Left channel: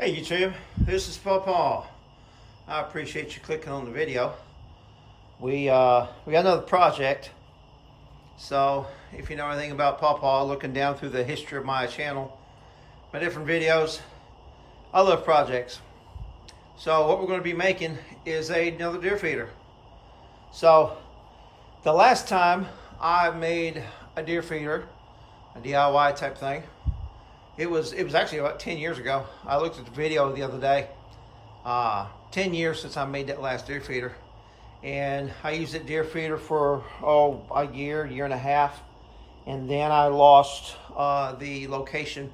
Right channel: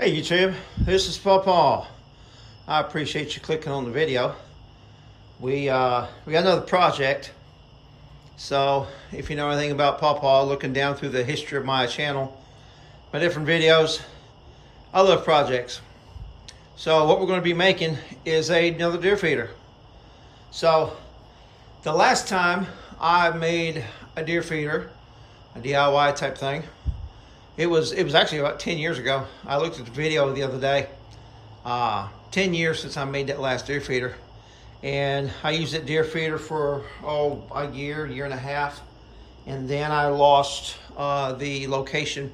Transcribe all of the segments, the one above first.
Hey YouTube, this is Pawpaw. I appreciate you clicking on the video. We got another project. So if you know anything about Pawpaw, looking down through the history of my channel, my different videos, I love projects. So what we're going to be making is another deer feeder. So the last time I made a deer feeder, a DIY type thing, it was actually about 10 years ago. I looked at the video the other day. 10 years since I made that last deer feeder. And I used that deer feeder for, a year and a half. And then I lost the location.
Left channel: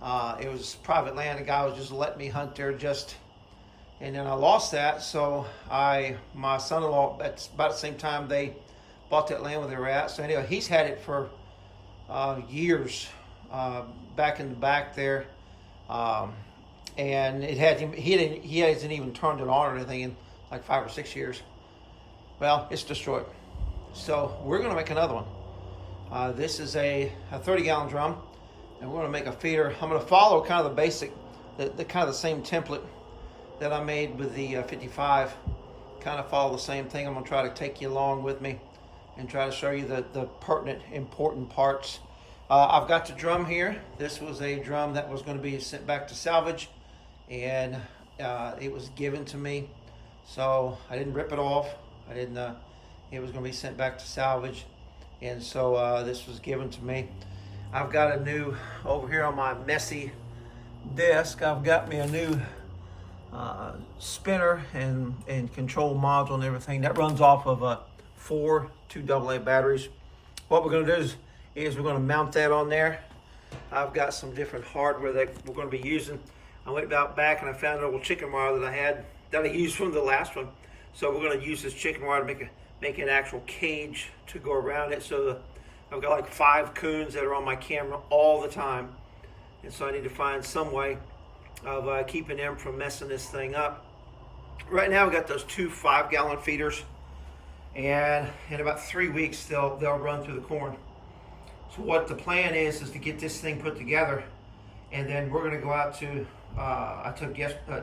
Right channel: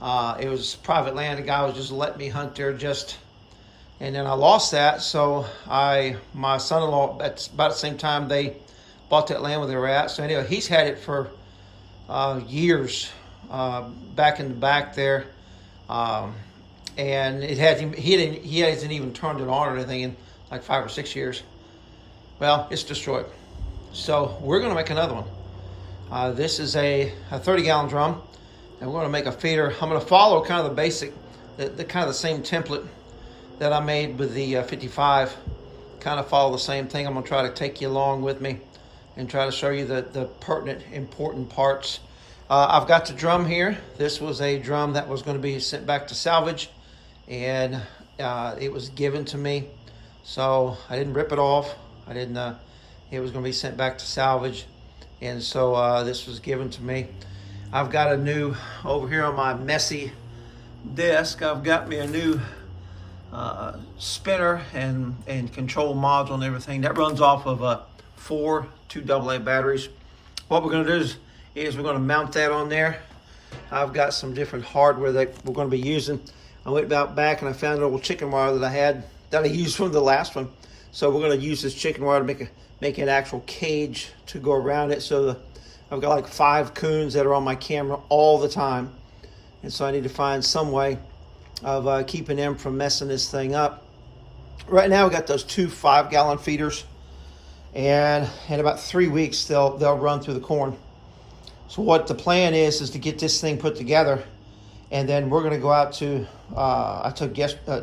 It was private land. The guy was just letting me hunt there and then I lost that. So my son-in-law, at about the same time they bought that land where they were at. So anyway, he's had it for years. Back in the back there, and he hasn't even turned it on or anything in like 5 or 6 years. Well, it's destroyed. So we're going to make another one. This is a 30-gallon drum, and we're going to make a feeder. I'm going to follow kind of the basic, the kind of the same template that I made with the 55. Kind of follow the same thing. I'm going to try to take you along with me and try to show you the pertinent, important parts. I've got the drum here. This was a drum that was going to be sent back to salvage, and it was given to me. So I didn't rip it off. It was going to be sent back to salvage, and so this was given to me. I've got a new, over here on my messy desk, I've got me a new spinner and control module and everything. That runs off of 4 2AA batteries. What we're going to do is we're going to mount that on there. I've got some different hardware that we're going to be using. I went back and I found an old chicken wire that I used from the last one. So we're going to use this chicken wire to make an actual cage to go around it. So I've got like 5 coons that are on my camera all the time. And so I need to find some way of keeping them from messing this thing up. Right now we got those 2 5-gallon feeders. And in about 3 weeks they'll run through the corn. So what the plan is to get this thing put together, and then we're going to go out to, I took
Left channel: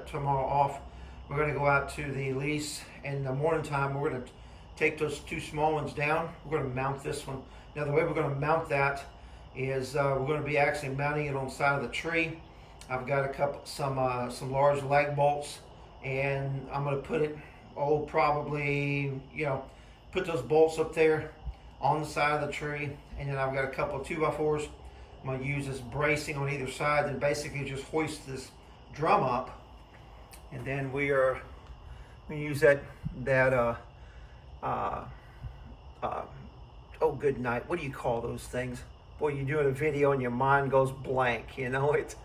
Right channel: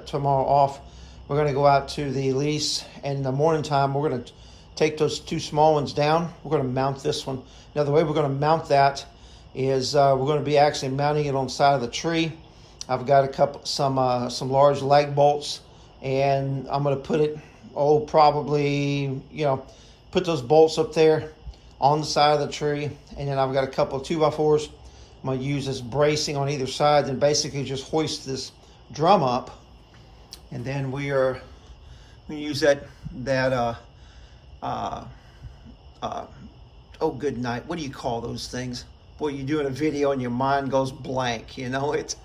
tomorrow off, we're going to go out to the lease, and in the morning time we're going to take those 2 small ones down. We're going to mount this one. Now the way we're going to mount that is we're going to be actually mounting it on the side of the tree. I've got some large lag bolts, and I'm going to put it, probably, put those bolts up there on the side of the tree, and then I've got a couple of 2x4s. I'm going to use this bracing on either side and basically just hoist this drum up, and then we are going to use good night, what do you call those things? Boy, you're doing a video and your mind goes blank, it's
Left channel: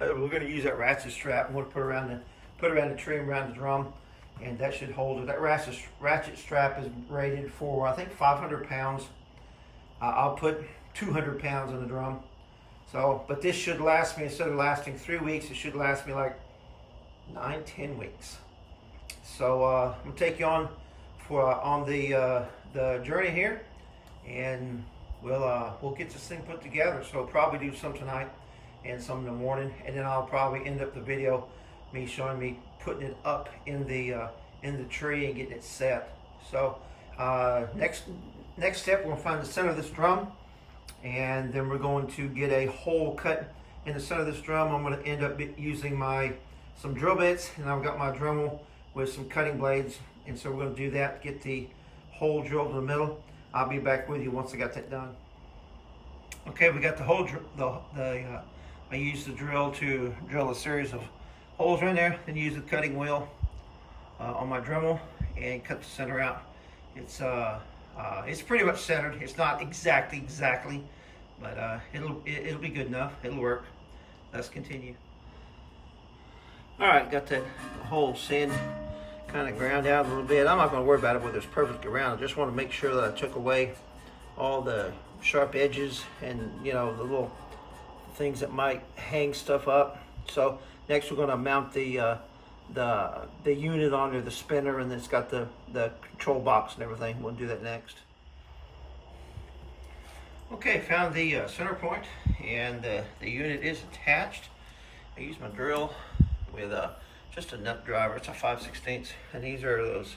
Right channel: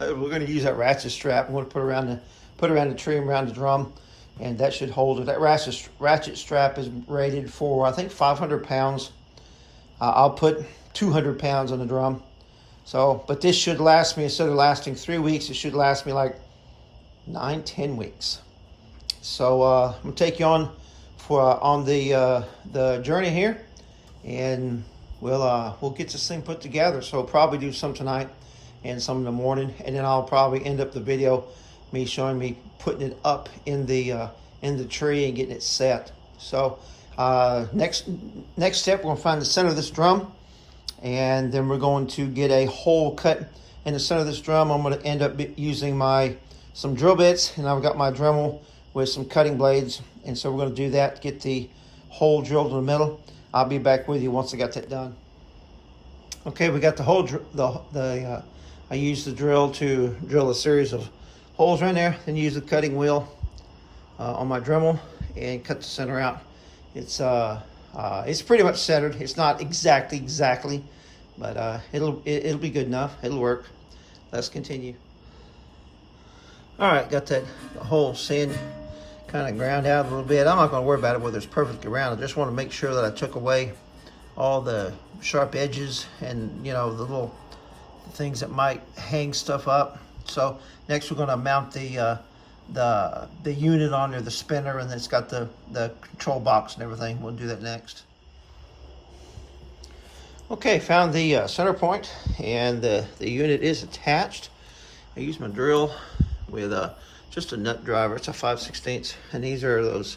we're going to use that ratchet strap. I'm going to put around the tree and around the drum, and that should hold it. That ratchet strap is rated for, I think, 500 pounds. I'll put 200 pounds on the drum. So, but this should last me, instead of lasting 3 weeks, it should last me like 9-10 weeks. So I'm gonna take you on the journey here, and we'll get this thing put together. So I'll probably do some tonight and some in the morning, and then I'll probably end up the video me showing me putting it up in the tree and getting it set. So next step, we're going to find the center of this drum, and then we're going to get a hole cut in the center of this drum. I'm going to end up using some drill bits, and I've got my Dremel with some cutting blades, and so we're going to do that to get the hole drilled in the middle. I'll be back with you once I got that done. Okay, we got the hole. I used the drill to drill a series of holes right there, then use the cutting wheel on my Dremel and cut the center out. It's pretty much centered. It's not exactly, but it'll be good enough. It'll work. Let's continue. All right, got that hole sand kind of ground out a little bit. I'm not going to worry about it whether it's perfectly round. I just want to make sure that I took away all the sharp edges and the little things that might hang stuff up. So next we're going to mount the unit onto the spinner, and then it's got the control box and everything. We'll do that next. Okay, found the center point, and the unit is attached. I use my drill with just a nut driver. It's a 5/16, and these are those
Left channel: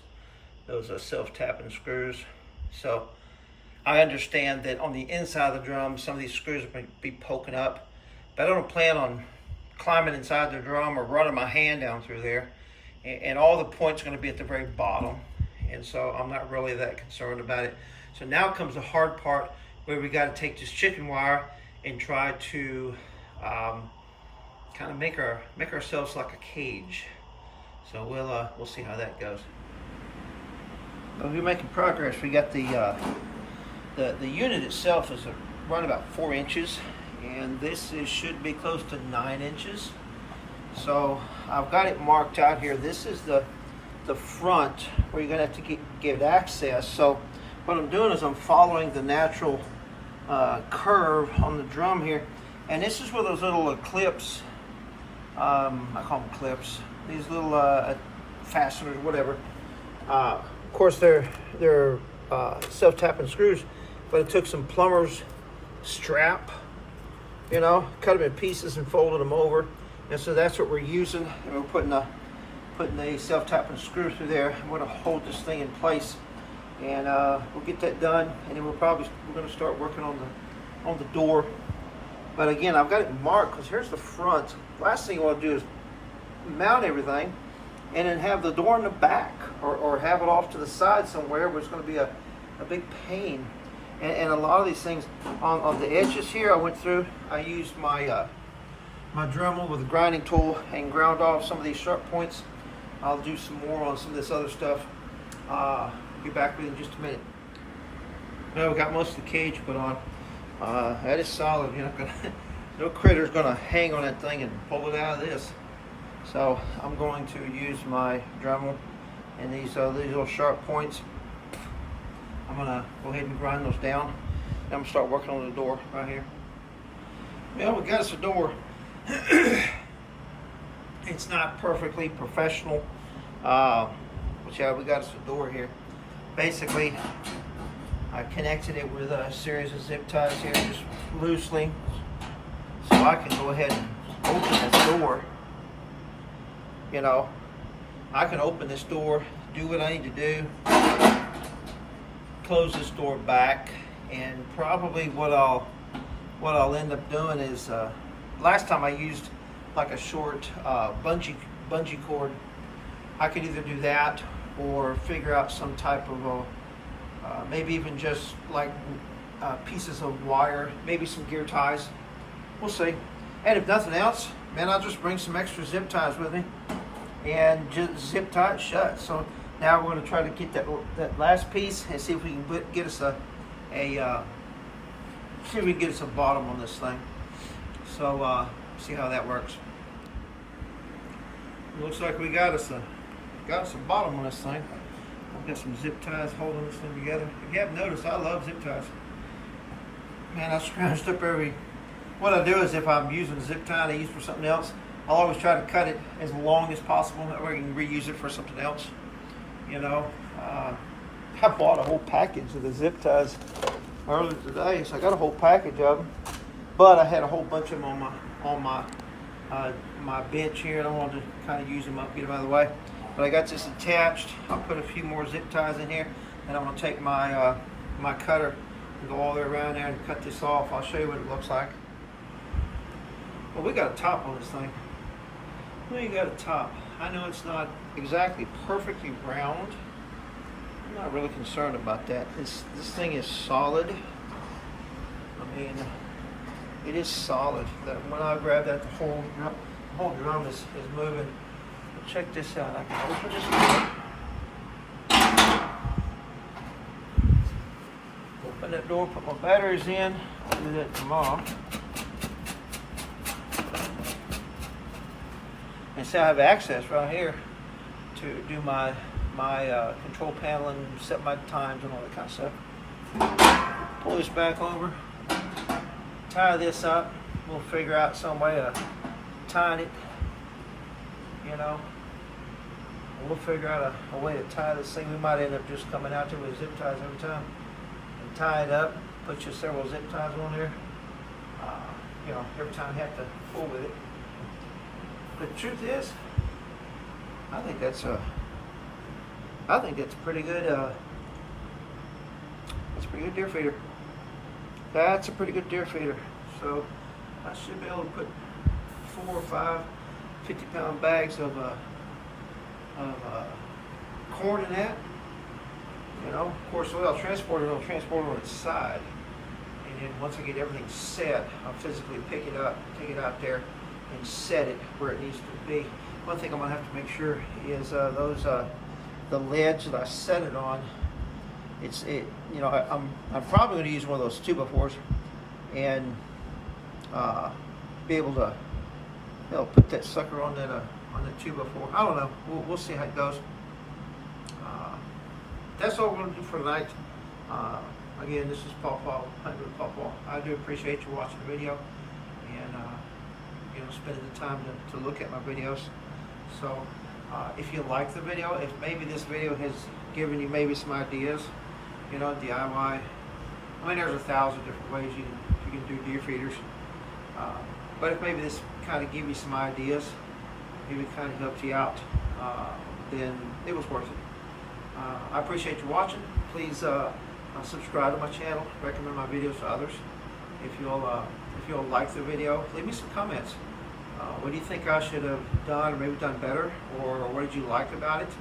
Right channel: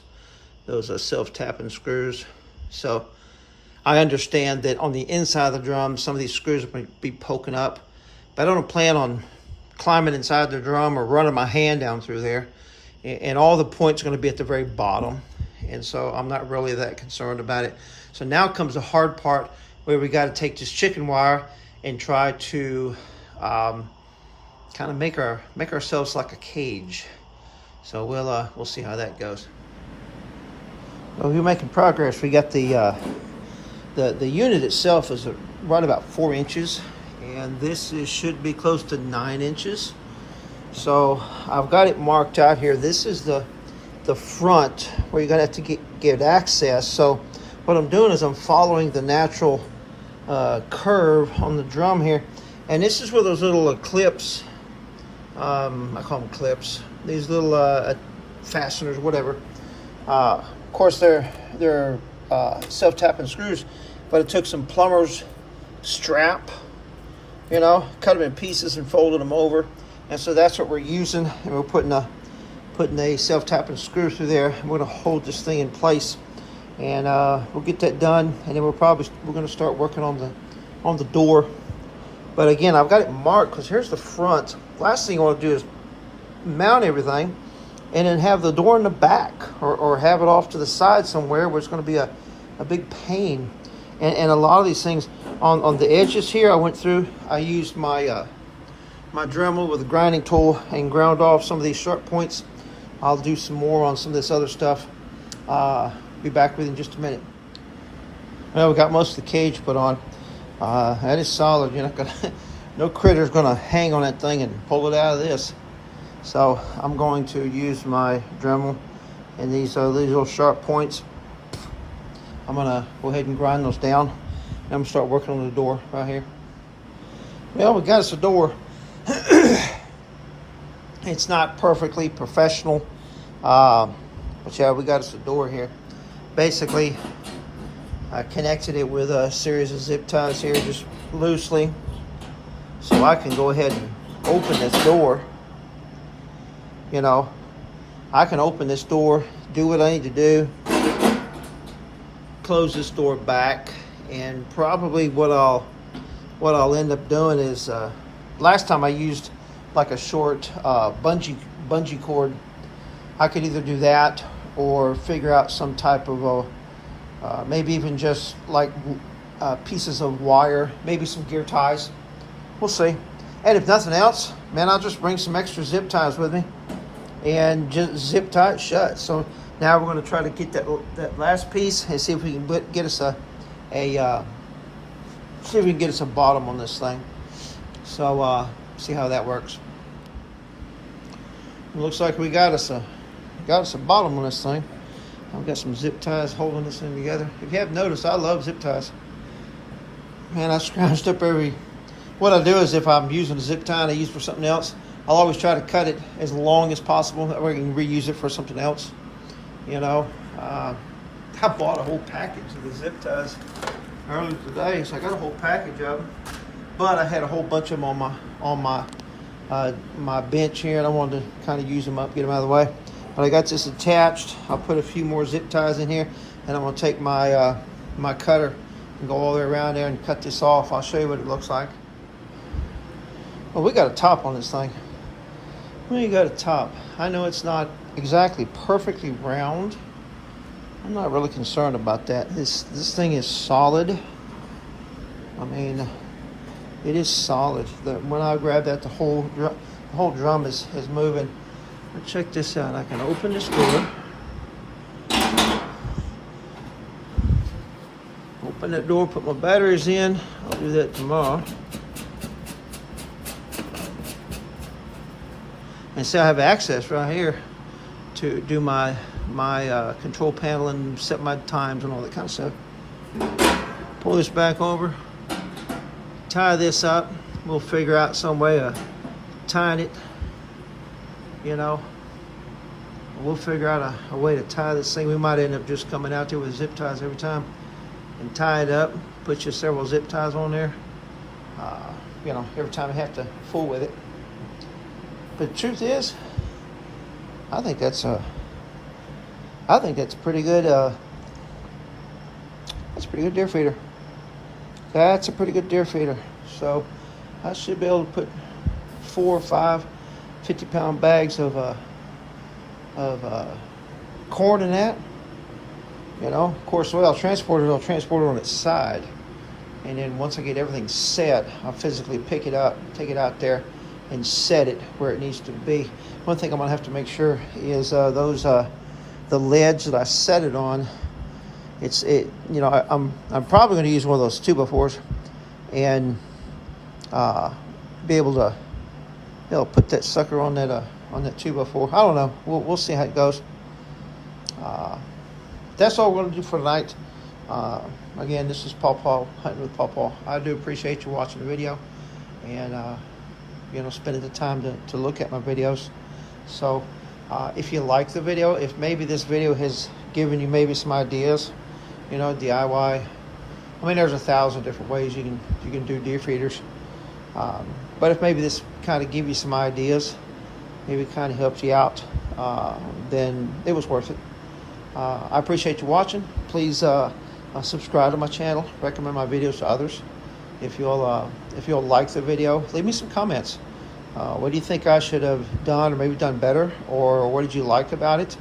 self-tapping screws. So I understand that on the inside of the drum, some of these screws will be poking up, but I don't plan on climbing inside the drum or running my hand down through there. And all the points are going to be at the very bottom, and so I'm not really that concerned about it. So now comes the hard part, where we got to take this chicken wire and try to kind of make ourselves like a cage. So we'll see how that goes. Well, we're making progress. We got the unit itself is right about 4 inches, and this should be close to 9 inches. So I've got it marked out here. This is the front where you're gonna have to get access. So what I'm doing is I'm following the natural curve on the drum here, and this is where those little clips, I call them clips, these little fasteners, whatever. Of course they're self-tapping screws, but it took some plumber's strap, you know, cut them in pieces and folded them over. And so that's what we're using, and we're putting a self-tapping screw through there. We're gonna hold this thing in place, and we'll get that done, and then we're gonna start working on the door. But again, I've got it marked because here's the front. Last thing I want to do is mount everything and then have the door in the back, or have it off to the side somewhere where it's going to be a big pain. And a lot of these things on the edges here, I used my my Dremel with a grinding tool and ground off some of these sharp points. I'll do some more on some of this other stuff. Be back with you in just a minute. Now we got most of the cage put on. That is solid. You're not gonna, no critter's gonna hang on that thing and pull it out of this. So I'm going to use my Dremel and these little sharp points. I'm gonna go ahead and grind those down, and I'm gonna start working on the door right here. Well, we got us a door. It's not perfectly professional, but yeah, we got us a door here. Basically, I connected it with a series of zip ties here, just loosely, so I can go ahead and open this door. You know, I can open this door, do what I need to do, close this door back, and probably what I'll end up doing is, last time I used like a short bungee cord. I could either do that or figure out some type of maybe even just like pieces of wire, maybe some gear ties. We'll see. And if nothing else, man, I'll just bring some extra zip ties with me and just zip tie it shut. So now we're going to try to get that last piece and see if we can get us a bottom on this thing. So see how that works. It looks like we got us a bottom on this thing. I've got some zip ties holding this thing together. If you haven't noticed, I love zip ties. Man, I scrounged up what I do is, if I'm using a zip tie and I use it for something else, I'll always try to cut it as long as possible, that way I can reuse it for something else. You know, I bought a whole package of the zip ties earlier today, so I got a whole package of them. But I had a whole bunch of them on my bench here, and I wanted to kind of use them up, get them out of the way. When I got this attached, I'll put a few more zip ties in here, and I'm going to take my my cutter and go all the way around there and cut this off. I'll show you what it looks like. Well, we got a top on this thing. We got a top. I know it's not exactly perfectly round. I'm not really concerned about that. This thing is solid. I mean, it is solid. When I grab that, the whole drum is moving. But check this out. I can open this door. Open that door, put my batteries in. I'll do that tomorrow. And see, I have access right here to do my control panel and set my times and all that kind of stuff. Pull this back over, tie this up. We'll figure out some way of tying it. You know, we'll figure out a way to tie this thing. We might end up just coming out there with zip ties every time and tie it up. Put you several zip ties on there. You know, every time I have to fool with it. But the truth is, I think that's a pretty good. That's a pretty good deer feeder. That's a pretty good deer feeder. So I should be able to put 4 or 5 50-pound bags of corn in that. You know, of course, I'll transport it on its side. And then once I get everything set, I'll physically pick it up, take it out there, and set it where it needs to be. One thing I'm gonna have to make sure is the ledge that I set it on. I'm probably gonna use one of those 2x4s and be able to put that sucker on that 2x4. I don't know. We'll see how it goes. That's all we're gonna do for tonight. Again, this is Paw Paw hunting with Paw Paw. I do appreciate you watching the video and spending the time to look at my videos. So if you like the video, if maybe this video has given you maybe some ideas, DIY. I mean, there's 1,000 different ways you can do deer feeders. But if maybe this kind of give you some ideas, maybe it kind of helps you out, then it was worth it. I appreciate you watching. Please subscribe to my channel. Recommend my videos to others. If you'll like the video, leave me some comments. What do you think I should have done, or maybe done better, or what did you like about it?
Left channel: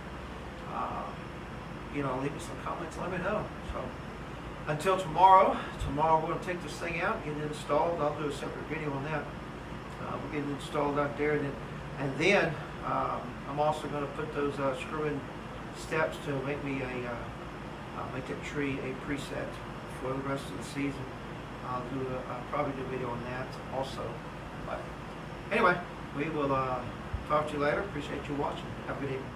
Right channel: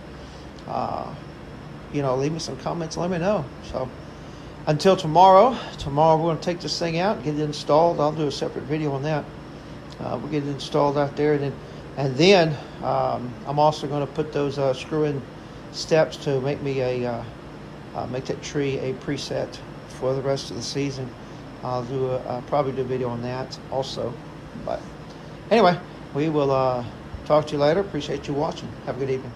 Leave me some comments and let me know. So until tomorrow we're going to take this thing out, get it installed. I'll do a separate video on that. We'll get it installed out there, and then I'm also going to put those screw-in steps to make me make that tree a preset for the rest of the season. I'll probably do a video on that also. But anyway, we will talk to you later. Appreciate you watching. Have a good evening.